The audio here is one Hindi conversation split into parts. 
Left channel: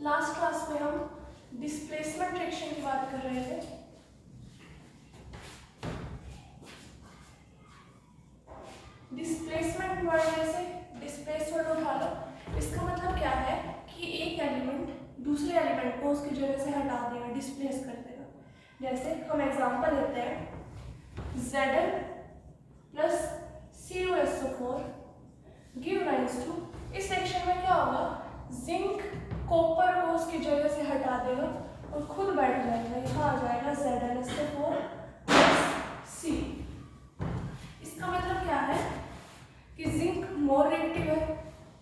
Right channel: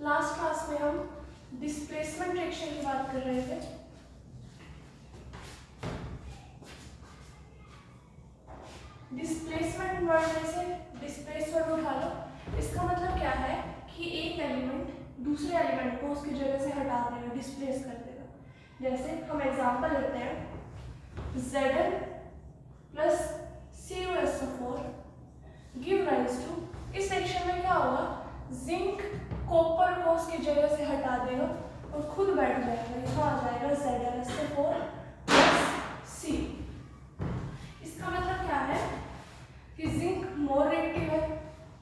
लास्ट क्लास में हम डिस्प्लेसमेंट रिएक्शन की बात कर रहे थे। डिस्प्लेसमेंट वर्ड जैसे डिस्प्लेस वर्ड उठा लो, इसका मतलब क्या है कि एक एलिमेंट दूसरे एलिमेंट को उसकी जगह से हटा देगा, डिस्प्लेस कर देगा। जैसे हम एग्जांपल लेते हैं Zn plus CuSO4 give rise to. इस सेक्शन में क्या होगा, जिंक कॉपर को उसकी जगह से हटा देगा और खुद बैठ जाएगा, यहाँ आ जाएगा ZnSO4 प्लस C। इसका मतलब क्या है कि जिंक मोर रिएक्टिव है,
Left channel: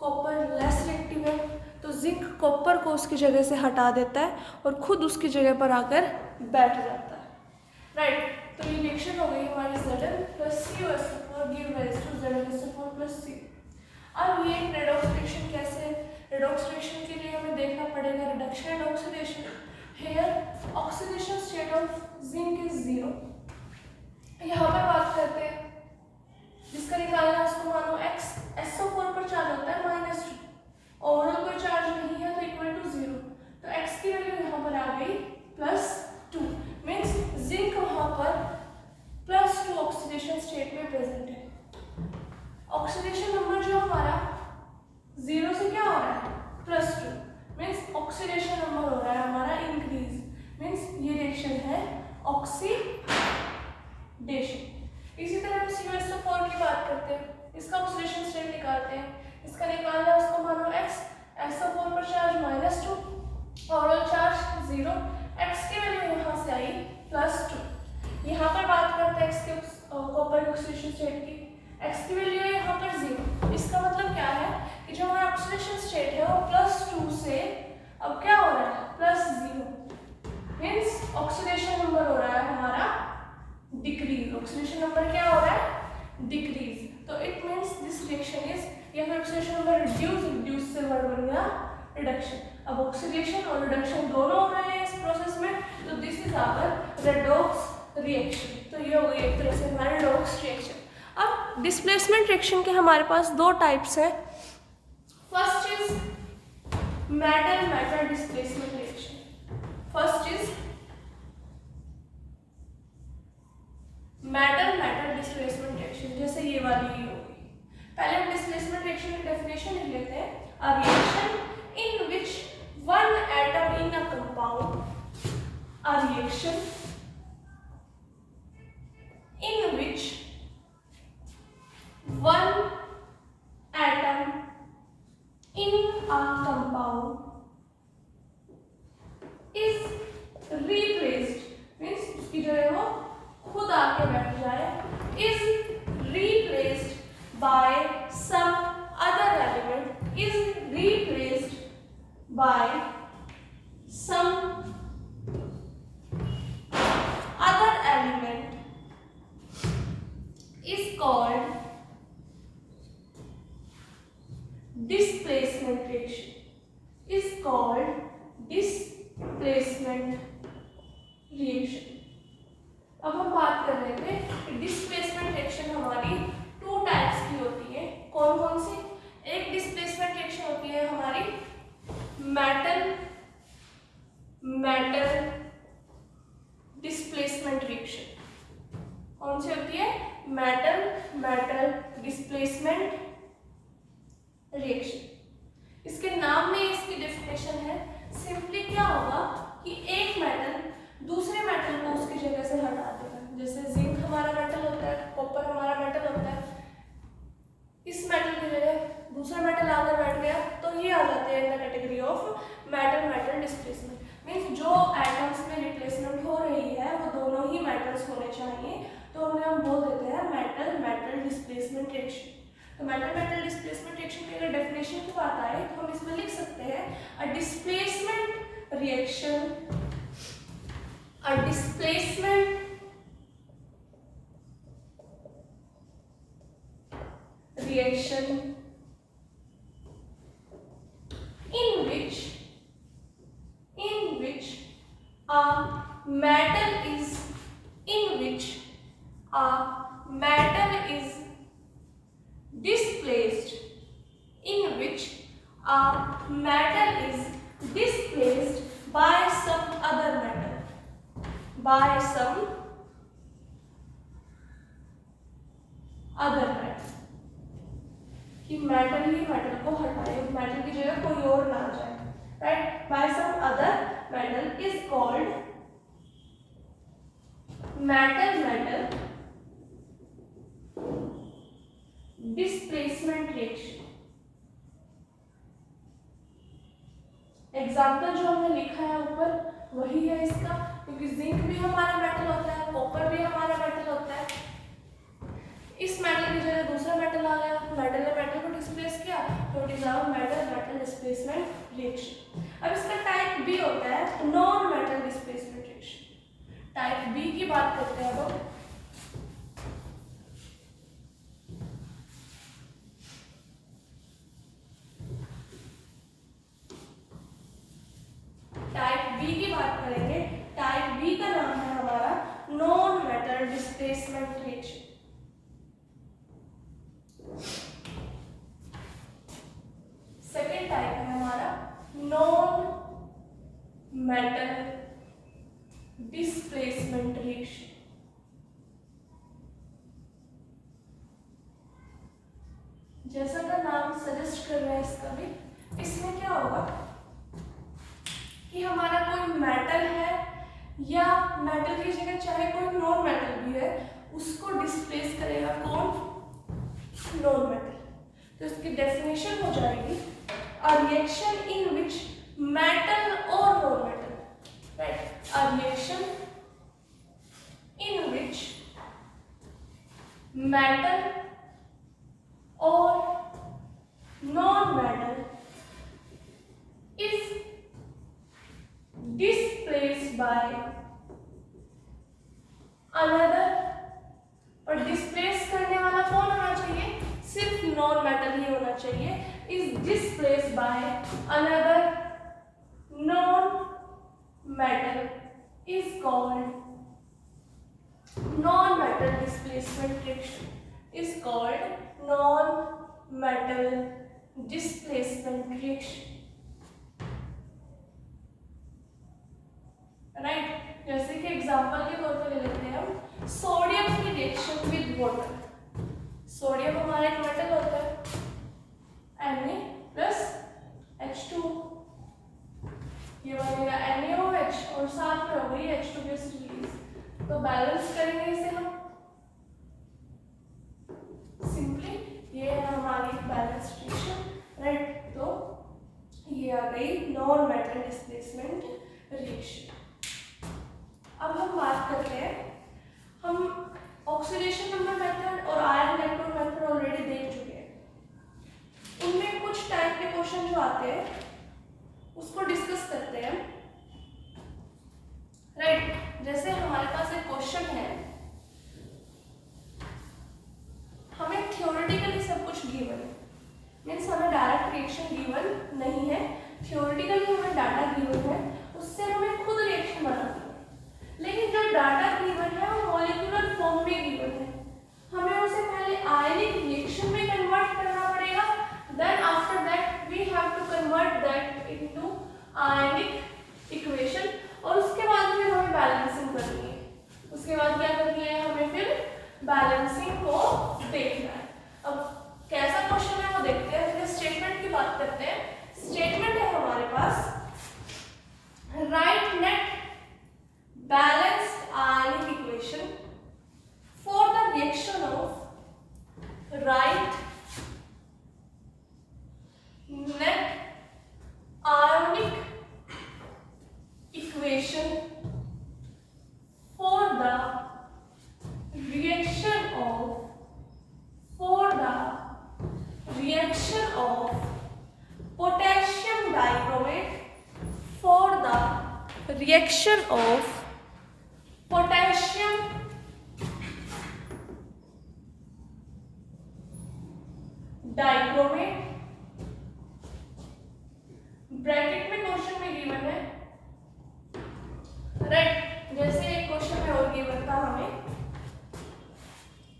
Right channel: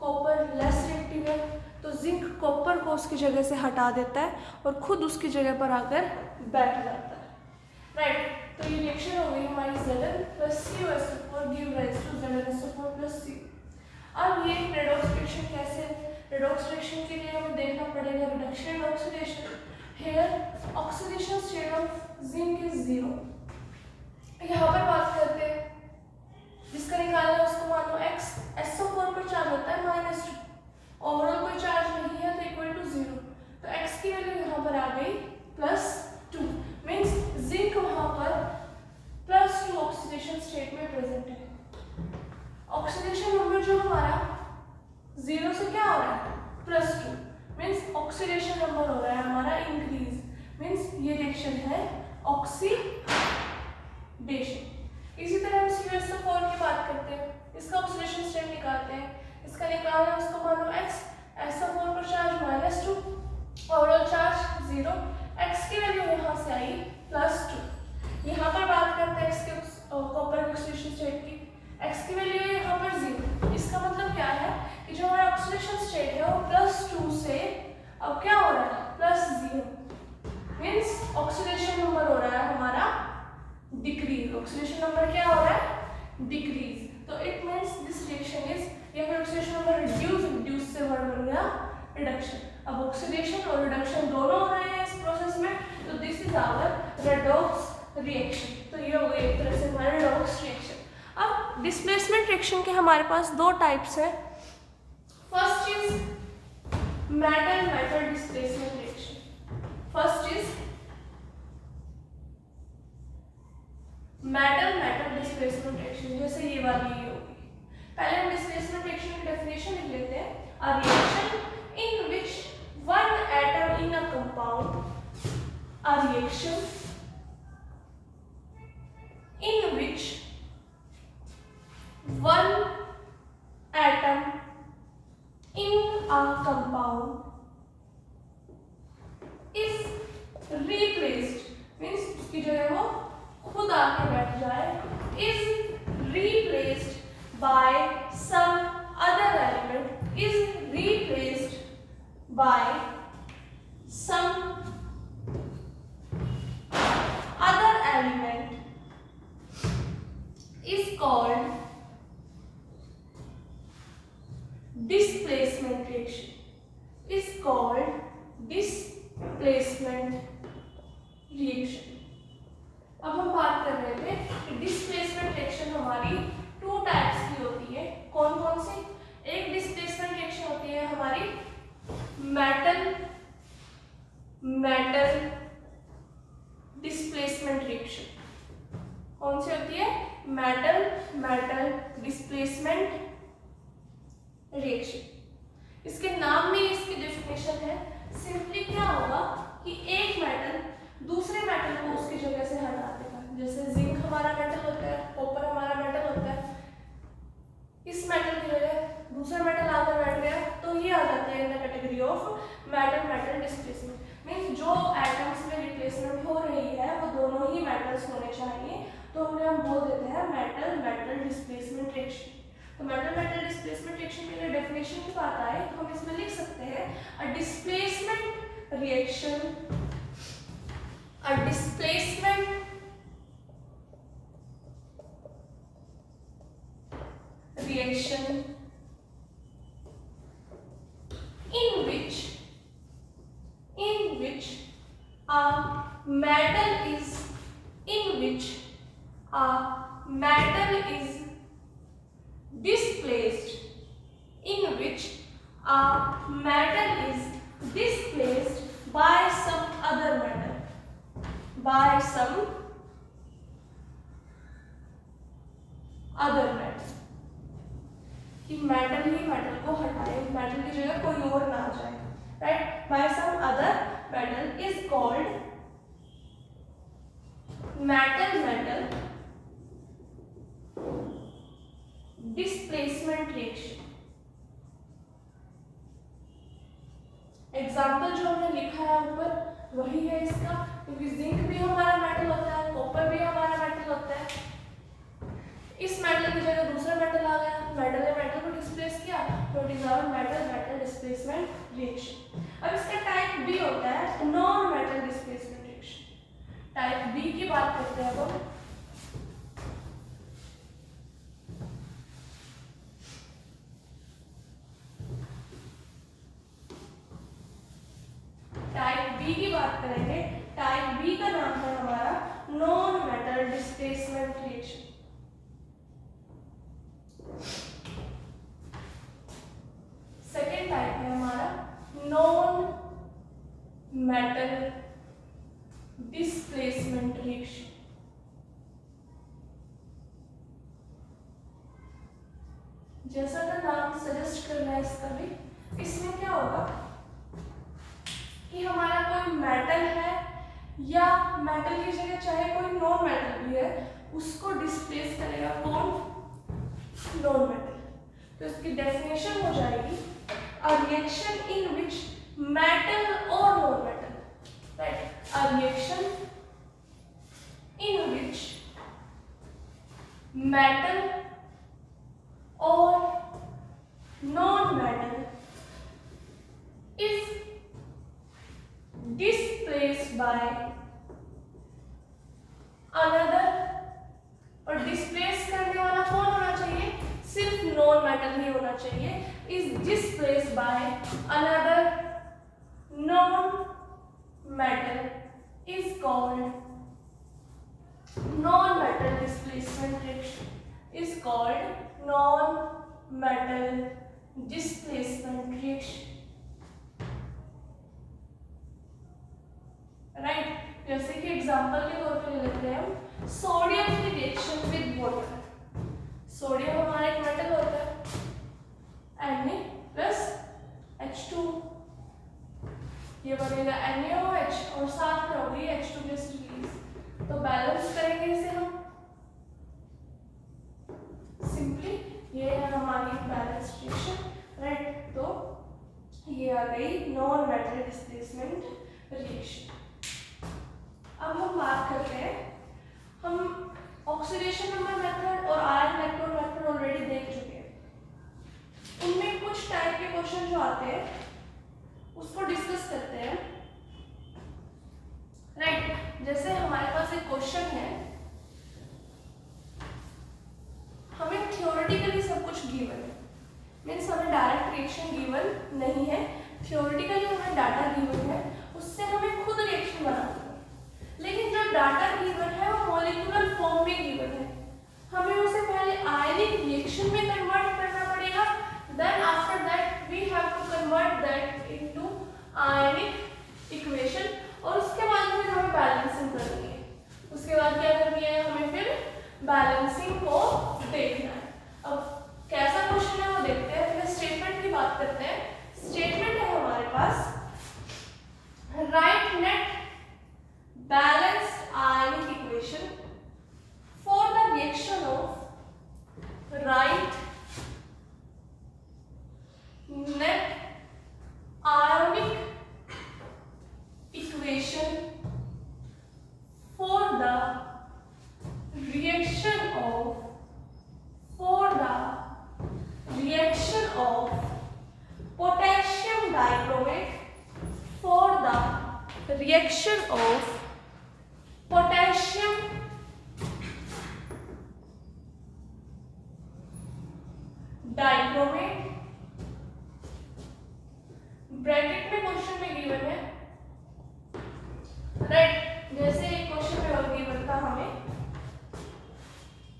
कॉपर लेस रिएक्टिव है, तो जिंक कॉपर को उसकी जगह से हटा देता है और खुद उसकी जगह पर आकर बैठ जाता है। राइट, तो ये रिएक्शन हो गई हमारी Zn plus CuSO4 give rise to ZnSO4 plus C। अब ये रेडॉक्स रिएक्शन कैसे है? रेडॉक्स रिएक्शन के लिए हमें देखना पड़ेगा reduction and oxidation. Here oxidation state of zinc is 0। यहाँ पर बात करते हैं, जिसका निकालना है उसको मानो x, SO4 पर चार्ज होता है -2, ओवरऑल कोई चार्ज नहीं है तो इक्वल टू 0, तो x की वैल्यू यहाँ पर आ गई +2, मीन्स जिंक वहाँ पर +2 ऑक्सीडेशन स्टेट में प्रेजेंट है। ऑक्सीडेशन नंबर जो हमारा 0 से क्या हो रहा है +2, मीन्स ऑक्सीडेशन नंबर हो रहा है हमारा इंक्रीज, मीन्स ये रिएक्शन है ऑक्सीडेशन। इसी तरह हम CuSO4 की बात करते हैं, इसका ऑक्सीडेशन स्टेट निकालते हैं, इसका निकालना है उसको मानो x, SO4 पर चार्ज -2, ओवरऑल चार्ज 0, x की वैल्यू यहाँ से आई +2। यहाँ पर बात करते हैं x के कॉपर के ऑक्सीडेशन स्टेट की, x की वैल्यू है यहाँ पर 0। इसका मतलब क्या है कि जो हमारा ऑक्सीडेशन स्टेट है वो +2 से अब क्या हो रहा है +0, मीन्स ऑक्सीडेशन नंबर हो रहा है हमारा डिक्रीज। ऑक्सीडेशन नंबर क्या हो रहा है डिक्रीज, तो it means this reaction is, या फिर ऑक्सीडेशन नंबर रिड्यूस से वर्ड बन गया रिडक्शन। अब ऑक्सीडेशन और रिडक्शन दोनों हो रहे हैं इस प्रोसेस में, तो this is our redox reaction. तो ये हो गई एक तरह से हमारा रेडॉक्स रिएक्शन। अब डिस्प्लेसमेंट रिएक्शन के हमारे पास दो टाइप्स हैं। First is metal metal displacement reaction. First is metal metal displacement reaction, जैसे ये वाली ही होगी। पहले हम डिस्प्लेसमेंट रिएक्शन की डेफिनेशन लिख लेते हैं। अ reaction in which one atom in a compound, a reaction in which one atom in a compound is replaced, means उसकी जगह वो खुद आके बैठ जाए, is replaced by some other element, is replaced by some other element is called displacement reaction, is called displacement reaction। अब हम बात कर रहे थे कि डिस्प्लेसमेंट रिएक्शन हमारी टू टाइप्स की होती है। कौन कौन सी? एक डिस्प्लेसमेंट रिएक्शन होती है हमारी मेटल मेटल डिस्प्लेसमेंट रिएक्शन। कौन सी होती है? Metal metal displacement reaction. इसके नाम में इसकी डेफिनेशन है, सिंपली क्या होगा कि एक मेटल दूसरे मेटल को उसकी जगह से हटा देगा। जैसे जिंक हमारा मेटल होता है, कॉपर हमारा मेटल होता है, इस मेटल की जगह दूसरा मेटल आकर बैठ गया तो ये आ जाते हैं in the category of metal metal displacement. Means जो एटम्स में रिप्लेसमेंट हो रही है वो दोनों ही मेटल्स होने चाहिए, तो उन्हें हम बोल देते हैं मेटल मेटल डिस्प्लेसमेंट रिएक्शन। तो मेटल मेटल डिस्प्लेसमेंट रिएक्शन की अगर डेफिनेशन की बात आए तो हम इसमें लिख सकते हैं a displacement reaction, a displacement reaction in which a metal is displaced, in which a metal is displaced by some other metal, कि मेटल ही मेटल को हटाए, मेटल की जगह कोई और ना आ जाए, right. By some other metal is called metal metal displacement reaction. Example जो हमने लिखा है ऊपर वही है इसका, क्योंकि जिंक भी हमारा मेटल होता है, कॉपर भी हमारा मेटल होता है। इस मेटल की जगह दूसरा मेटल आ गया, मेटल ने मेटल को डिस्प्लेस किया, तो it is our metal metal displacement reaction. अब इसका टाइप बी होता है non metal displacement reaction. Type b की बात करते हैं अब। टाइप बी की बात करेंगे, टाइप बी का नाम है हमारा non metal displacement reaction. Second type है हमारा नॉन मेटल डिस्प्लेसमेंट रिएक्शन। जैसा का नाम सजेस्ट कर रहा है इसका भी, इसमें क्या होगा कि हमारा कोई मेटल है या मेटल की जगह चाहे कोई नॉन मेटल भी है, उसको डिस्प्लेस करेगा कौन? Non metal. तो इसकी डेफिनेशन हो जाएगी a reaction in which metal और non metal, right, a reaction in which metal और non metal is displaced by another, और डिस्प्लेस करने वाला कौन होना चाहिए? सिर्फ नॉन मेटल ही होना चाहिए। Is displaced by another non metal is called non metal displacement reaction, is called non metal displacement reaction, right. जैसे कि एग्जांपल के तौर पे ले लेते हैं हम सोडियम की रिएक्शन विद वाटर। सोडियम हमारा एक मेटल होता है, Na+H2, ये बनेगा NaOH और साथ में हो गई H2 गैस रिलीज। तो बैलेंस करेंगे इसे हम सिंपली, ये है हमारी बैलेंस रिएक्शन, राइट। तो ये आ गई नॉन मेटल डिस्प्लेसमेंट रिएक्शन। अब हम बात करते हैं, हम ऑक्सीडेशन नंबर मेथड और आयन इलेक्ट्रोड मेथड ऑलरेडी देख चुके हैं। उनमें कुछ टाइप के क्वेश्चन जो आते हैं उसको डिस्कस करते हैं, राइट। जैसे हमारे पास एक क्वेश्चन है, हमें थ्योरेटिकली सब कुछ गिवन है, मीन्स हमें डायरेक्ट रिएक्शन गिवन नहीं है, थ्योरेटिकली हमें डाटा गिवन है, उससे हमें खुद रिएक्शन बनाना है। लेकिन जो डाटा गिवन है वो मॉलिक्यूलर फॉर्म में गिवन है, हमें उसे पहले आयनिक रिएक्शन में कन्वर्ट करना पड़ेगा, then after that we have to convert that into ionic equation, और उसके बाद फिर हमें बैलेंसिंग करनी है। उसके बाद क्या करनी है? हमें फिर बैलेंसिंग को देखना है। अब कैसा क्वेश्चन है वो देखते हैं, फिर स्टेटमेंट की बात करते हैं। स्टेटमेंट है हमारे पास, right net balanced ionic equation for the reaction of right net ionic equation for the reaction of potassium dichromate for the reaction of potassium dichromate, bracket में क्वेश्चन में गिवन है, राइट। जैसे एक क्वेश्चन में और गिवन था हमें,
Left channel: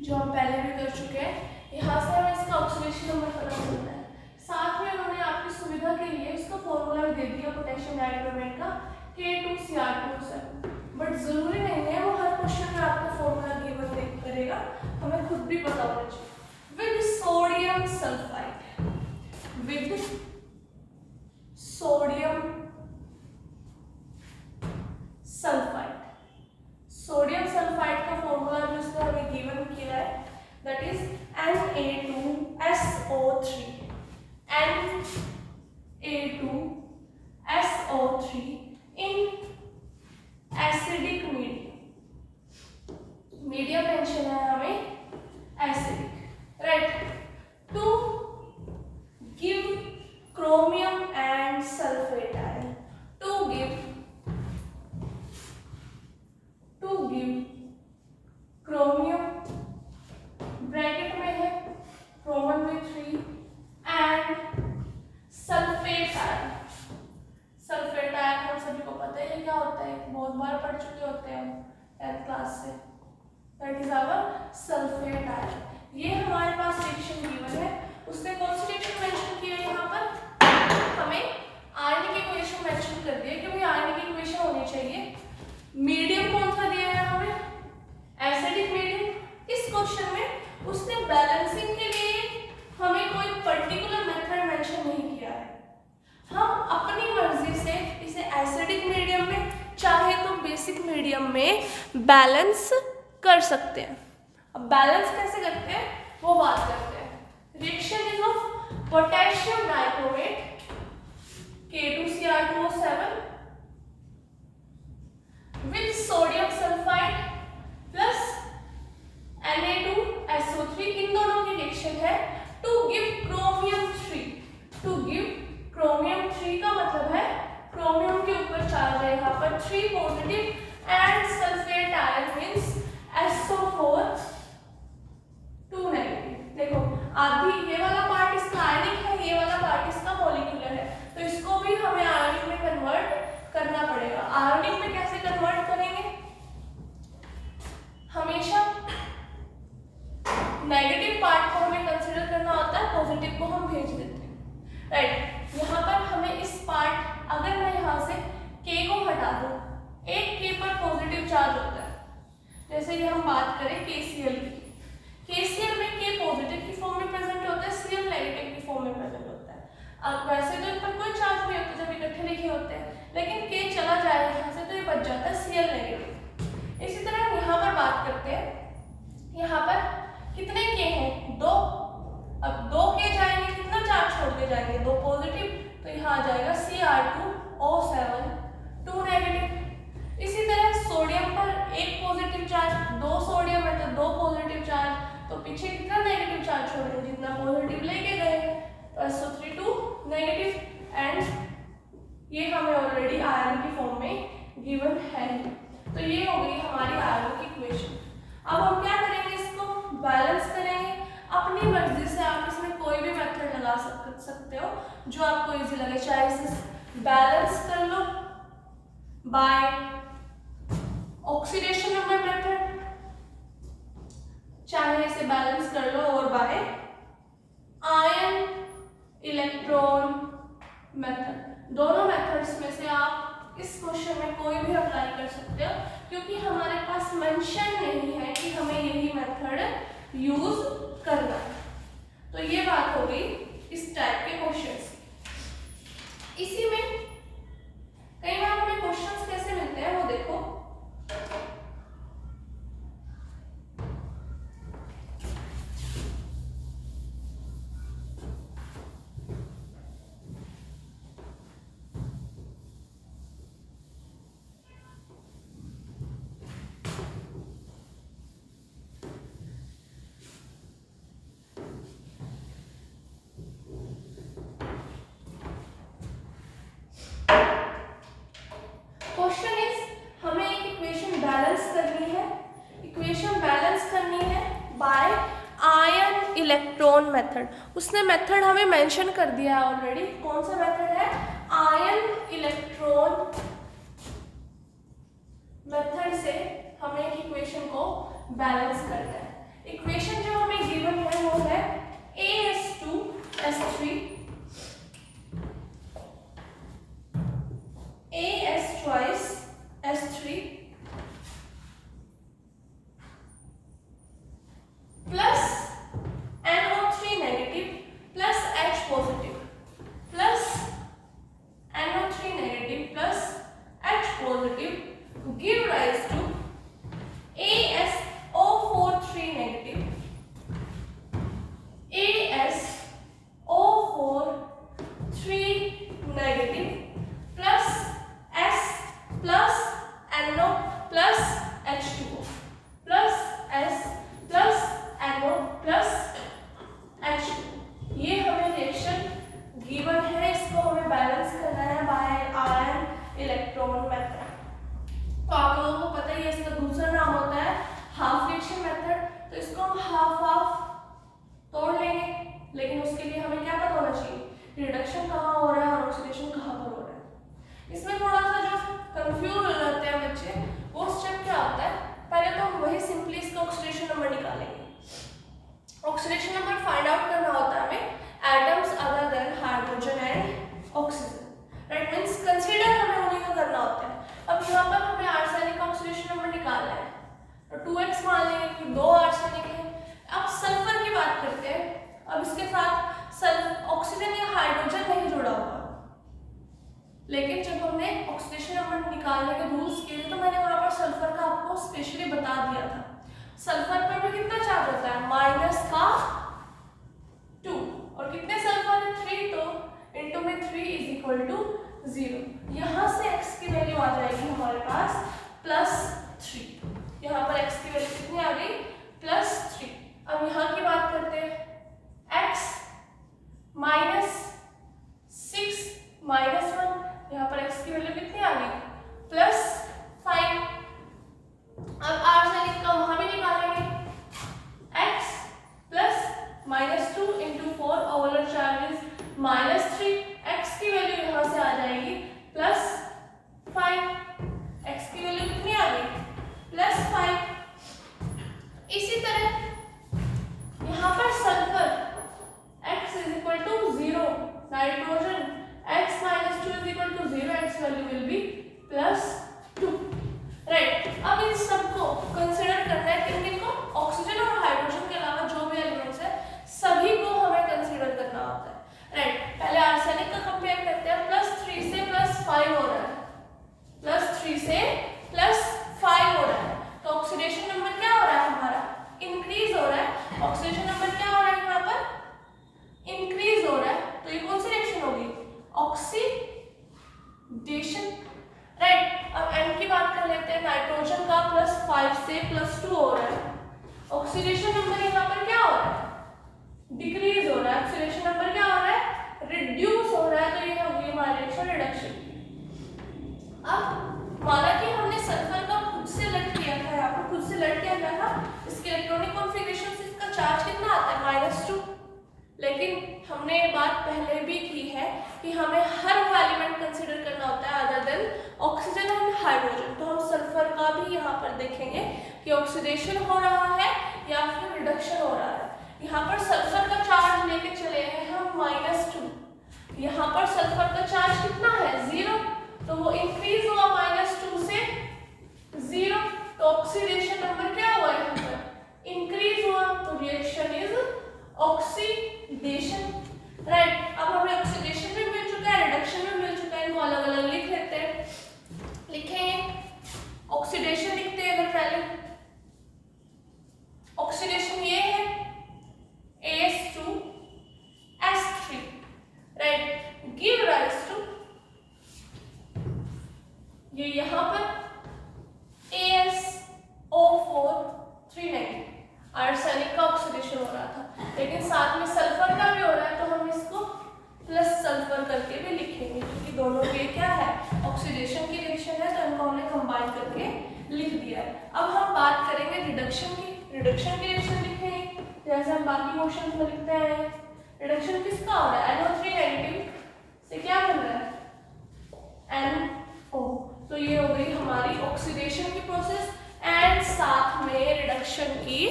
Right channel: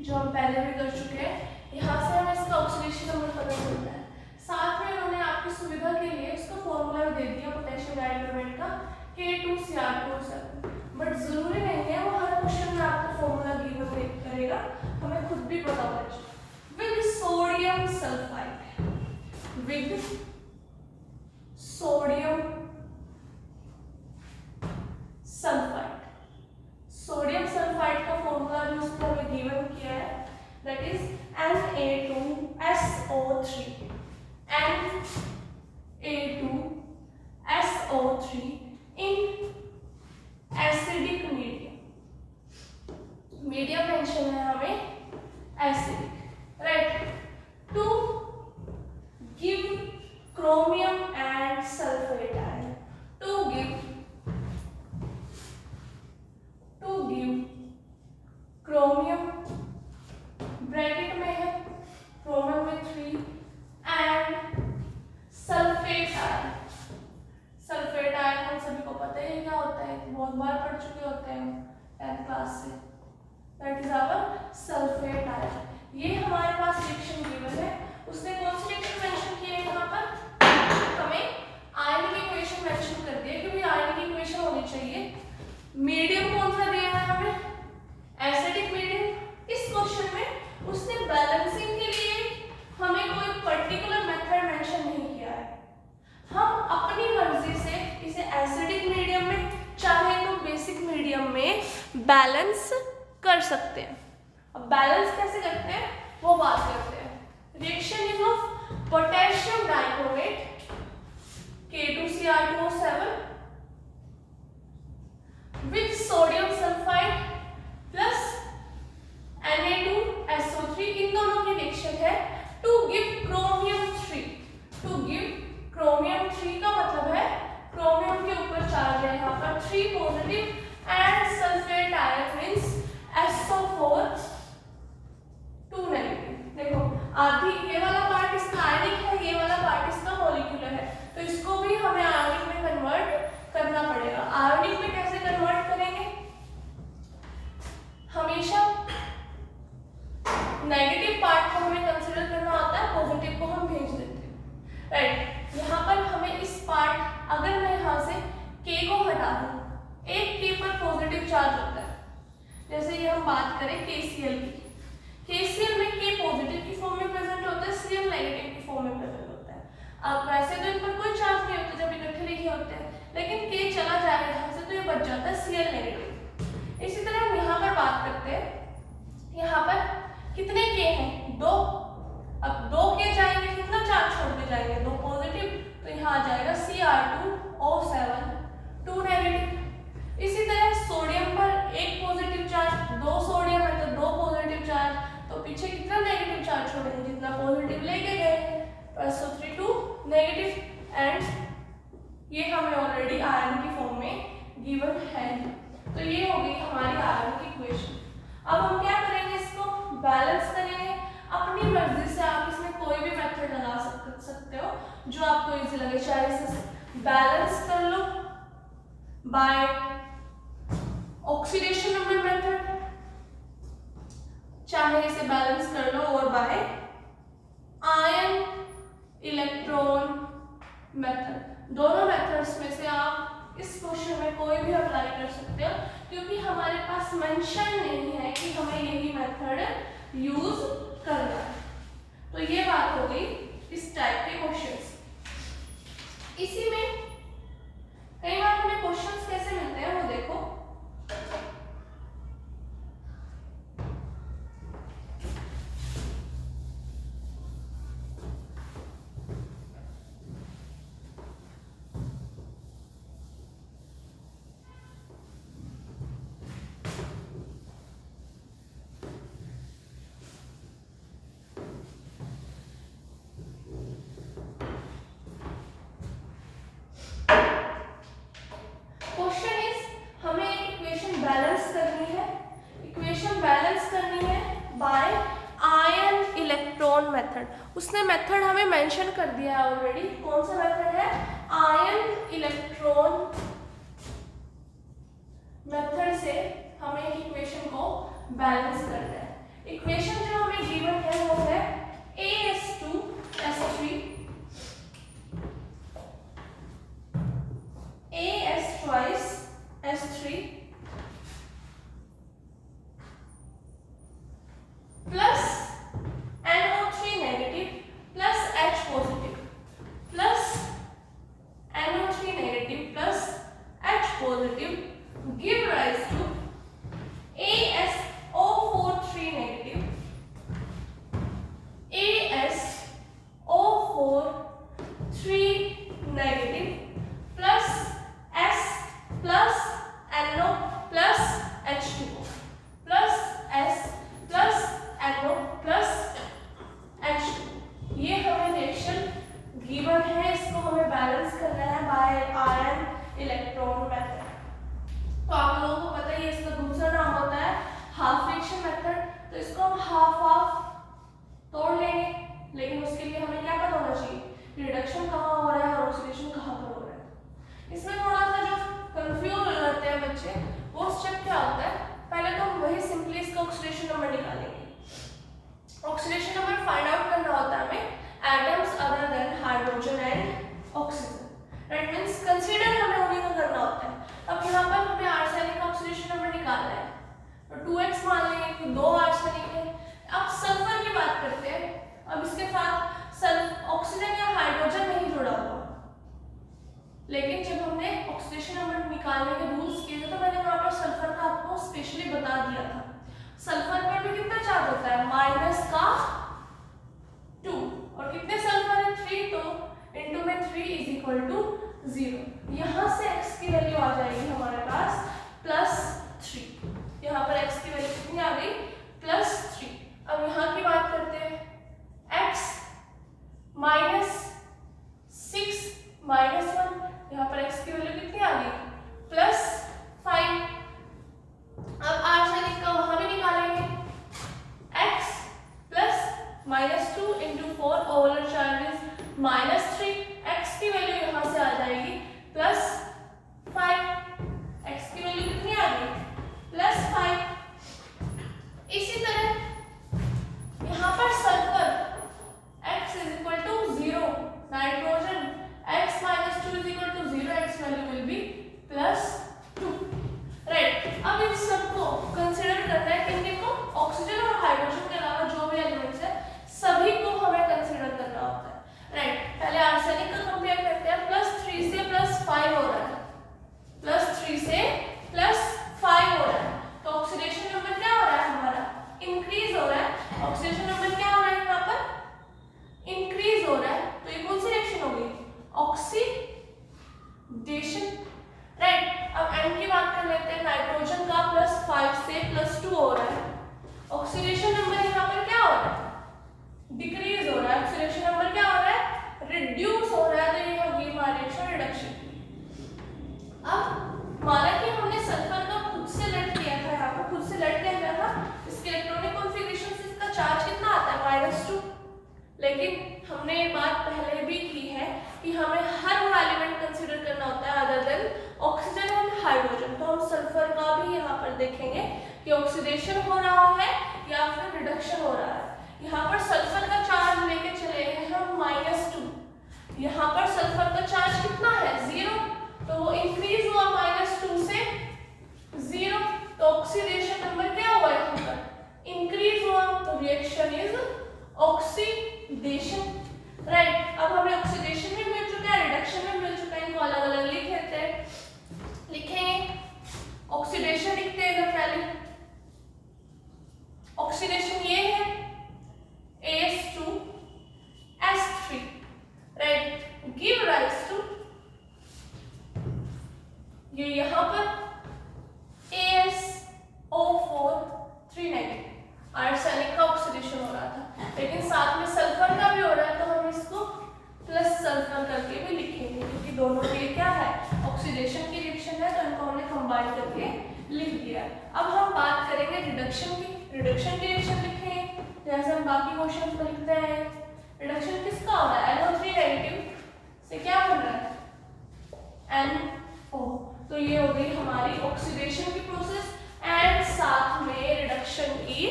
जो हम पहले भी कर चुके हैं, यहाँ से हमें इसका ऑक्सीडेशन नंबर पता चलता है, साथ में उन्होंने आपकी सुविधा के लिए उसका फॉर्मूला दे दिया पोटेशियम डाइक्रोमेट का K2Cr2, बट जरूरी नहीं है वो हर क्वेश्चन में आपको फॉर्मूला गिवन करेगा, हमें खुद भी पता होना चाहिए। With sodium sulphide, with sodium sulphide, sodium sulphide का फॉर्मूला जो इसने हमें गिवन किया है that is Na2SO3, Na2SO3 in acidic medium, medium mention है हमें acidic, right. To give chromium and sulphate ion, to give chromium, bracket में है क्रोमियम में 3 and sulphate ion, sulphate ion हम सभी को पता है क्या होता है, बहुत बार पढ़ चुके होते हैं 10th क्लास से, that is our sulphate ion. ये हमारे पास रिएक्शन गिवन है, उसने कौन सी रिएक्शन मेंशन की है यहाँ पर, हमें आयन की इक्वेशन मेंशन कर दी है क्योंकि आयन की इक्वेशन होनी चाहिए। मीडियम कौन सा दिया है हमें, एसिडिक मीडियम। इस क्वेश्चन में उसने बैलेंसिंग के लिए हमें कोई पर्टिकुलर मेथड मेंशन नहीं किया है, हम अपनी मर्जी से इसे एसिडिक मीडियम में चाहे तो बेसिक मीडियम में बैलेंस कर सकते हैं। अब बैलेंस कैसे करते हैं वो बात करते हैं। Reaction is of potassium dichromate K2Cr2O7 with sodium sulfide plus Na2SO3, इन दोनों की रिएक्शन है to give chromium 3। To give chromium 3 का मतलब है क्रोमियम के ऊपर चार्ज है यहाँ पर 3 positive and sulphate ion means SO4 2 negative. देखो आधी ये वाला पार्ट इसका आयनिक है, ये वाला पार्ट इसका मॉलिक्यूलर है, तो इसको भी हमें आयनिक में कन्वर्ट करना पड़ेगा। आयनिक में कैसे कन्वर्ट करेंगे, हमेशा नेगेटिव पार्ट को हमें कंसीडर करना होता है, पॉजिटिव को हम भेज देते हैं, राइट। यहाँ पर हमें इस पार्ट, अगर मैं यहाँ से K को हटा दूँ, एक K पर पॉजिटिव चार्ज होता है, जैसे ये हम बात करें KCl की, KCl में K पॉजिटिव की फॉर्म में प्रेजेंट होता है, Cl नेगेटिव की फॉर्म में प्रेजेंट होता है। अब वैसे तो इन पर कोई चार्ज नहीं होता जब इकट्ठे लिखे होते हैं, लेकिन K चला जाएगा यहाँ से तो ये बच जाता है Cl नेगेटिव। इसी तरह यहाँ पर बात करते हैं, यहाँ पर कितने K हैं, 2। अब 2 K जाएंगे, कितना चार्ज छोड़ के जाएंगे, 2 पॉजिटिव, तो यहाँ आ जाएगा Cr2O7 2 नेगेटिव। इसी तरह सोडियम पर एक पॉजिटिव चार्ज, 2 सोडियम है तो 2 पॉजिटिव चार्ज, तो पीछे कितना नेगेटिव चार्ज छोड़ेंगे, जितना पॉजिटिव लेके गए, तो SO3 2 नेगेटिव। एंड ये हमें ऑलरेडी आयरन की फॉर्म में गिवन है, तो ये हो गई हमारी आयरन की इक्वेशन। अब हम क्या करेंगे, इसको बैलेंस करेंगे अपनी मर्जी से। आप इसमें कोई भी मेथड लगा सकते हो जो आपको इजी लगे, चाहे इसे बैलेंस कर लो बाय ऑक्सीडेशन नंबर मेथड, चाहे इसे बैलेंस कर लो और बाय आयन इलेक्ट्रॉन मेथड। दोनों मेथड्स में से आप इस क्वेश्चन में कोई भी अप्लाई कर सकते हो, क्योंकि हमारे पास मेंशन नहीं है कि हमें यही मेथड यूज करना है। तो ये बात हो गई इस टाइप के क्वेश्चंस। इसी में कई बार हमें क्वेश्चंस कैसे मिलते हैं वो देखो। मेथड, उसने मेथड हमें मेंशन कर दिया है ऑलरेडी। कौन सा मेथड है? आयन इलेक्ट्रॉन मेथड से हमें इक्वेशन को बैलेंस करना है। इक्वेशन जो हमें गिवन है वो है AS2S3 AS twice S3 give rise to AsO4 3 negative, AsO4 3 negative plus S plus NO plus H2O plus S plus NO plus H2O। ये हमें रिएक्शन गिवन है, इसको हमें बैलेंस करना है बाय आयन इलेक्ट्रॉन मेथड। तो आप लोगों को पता ही है इसका दूसरा नाम होता है हाफ रिएक्शन मेथड। तो इसको हम हाफ हाफ तोड़ लेंगे, लेकिन उसके लिए हमें क्या पता होना चाहिए, रिडक्शन कहाँ हो रहा है और ऑक्सीडेशन कहाँ पर हो रहा है। इसमें थोड़ा सा जो कंफ्यूज हो जाते हैं बच्चे, वो स्टेप क्या होता है, पहले तो हम वही सिंपली इसका ऑक्सीडेशन नंबर निकालेंगे। ऑक्सीडेशन नंबर फाइंड आउट करना होता है हमें atoms other than hydrogen and oxygen. That means consider हमें उन्हीं को करना होता है। अब यहाँ पर हमें आर्सेनिक का ऑक्सीडेशन नंबर निकालना है, तो 2x मान लेंगे कि 2 आर्सेनिक है। अब सल्फर की बात करते हैं। अब इसके साथ ऑक्सीजन या हाइड्रोजन नहीं जुड़ा हुआ, लेकिन जब हमने ऑक्सीडेशन नंबर निकालने के रूल्स किए थे तो मैंने वहां पर सल्फर का आपको स्पेशली बता दिया था। सल्फर पर भी कितना चार्ज होता है, -2, और कितने सल्फर है 3, तो इनटू में 3 इज इक्वल टू 0। यहां से x की वैल्यू आ जाएगी हमारे पास +3। यहाँ पर x की वैल्यू कितनी आ गई, +3। अब यहाँ की बात करते हैं, x -6 -1, यहाँ पर x की वैल्यू कितनी आ गई, +5। अब आर्सेनिक का वहां भी निकालेंगे, x +-2 × 4 overall charge is -3। x की वैल्यू यहाँ से आ जाएगी +5। x की वैल्यू कितनी आ गई, +5। इसी तरह यहाँ पर sulphur x = 0, nitrogen x -2 = 0, x value will be +2। Right, अब इन सबको कंसीडर करना है, किन को, ऑक्सीजन और हाइड्रोजन के अलावा जो भी एलिमेंट्स है सभी को हमें कंसीडर करना होता है। राइट, पहले आर्सेनिक का कंपेयर करते हैं। +3 से +5 हो रहा है, +3 से +5 हो रहा है, तो ऑक्सीडेशन नंबर क्या हो रहा है हमारा, इंक्रीज हो रहा है। ऑक्सीडेशन नंबर क्या हो रहा है यहाँ पर, इंक्रीज हो रहा है। तो ये कौन सी रिएक्शन होगी, ऑक्सीडेशन। राइट, अब N की बात कर लेते हैं। नाइट्रोजन का +5 से +2 हो रहा है, ऑक्सीडेशन नंबर यहाँ पर क्या हो रहा है, डिक्रीज हो रहा है। ऑक्सीडेशन नंबर क्या हो रहा है, रिड्यूस हो रहा है, तो ये होगी हमारी रिएक्शन रिडक्शन। अब माना कि हमने सल्फर का खुद से लेट किया था, यहाँ पर खुद से लेट किया गया था, इसके इलेक्ट्रॉनिक कॉन्फ़िगरेशन से इसका चार्ज कितना आता है, -2। लेकिन हमने ये बात पहले भी की है कि हमें हर वो एलिमेंट कंसीडर करना होता है other than oxygen and hydrogen. तो हम सल्फर का भी यहाँ पर देखेंगे कि ऑक्सीडेशन हो रहा है या फिर रिडक्शन हो रहा है। यहाँ पर सल्फर का चार्ज लेके चले हैं हम -2, यहाँ पर सल्फर का चार्ज कितना है, 0, तो वो इंक्रीज हुआ -2 से 0, तो ऑक्सीडेशन नंबर क्या हुआ यहाँ पर, इंक्रीज हुआ, तो रिएक्शन इज ऑक्सीडेशन। राइट, अब हमें ऑक्सीडेशन भी मिल चुका है, रिडक्शन भी मिल चुका है, इनको अलग अलग लिख लेते हैं। लिखेंगे, ऑक्सीडेशन लिखते हैं अगर पहले। ऑक्सीडेशन ये है As2S3, right, give rise to, ये यहाँ पर AsO4 3 negative आर्सेनिक का ऑक्सीडेशन हो रहा था, लेकिन साथ में सल्फर का भी हो रहा है, तो हम इसको प्लस सल्फर करके भी लिखेंगे, क्योंकि दोनों के क्या है, ऑक्सीडेशन की रिएक्शन है, तो इनको हमने कंबाइन करके लिख दिया। अब हम बात करेंगे रिडक्शन की। रिडक्शन की रिएक्शन लिखेंगे जैसे हम बाकी क्वेश्चन में लिखते हैं। रिडक्शन किसका हो रहा है, NO3 नेगेटिव से क्या बन रहा है, NO। तो ये हो गई हमारी ऑक्सीडेशन की प्रोसेस एंड साथ में रिडक्शन की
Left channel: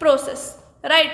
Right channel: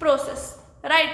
प्रोसेस। राइट,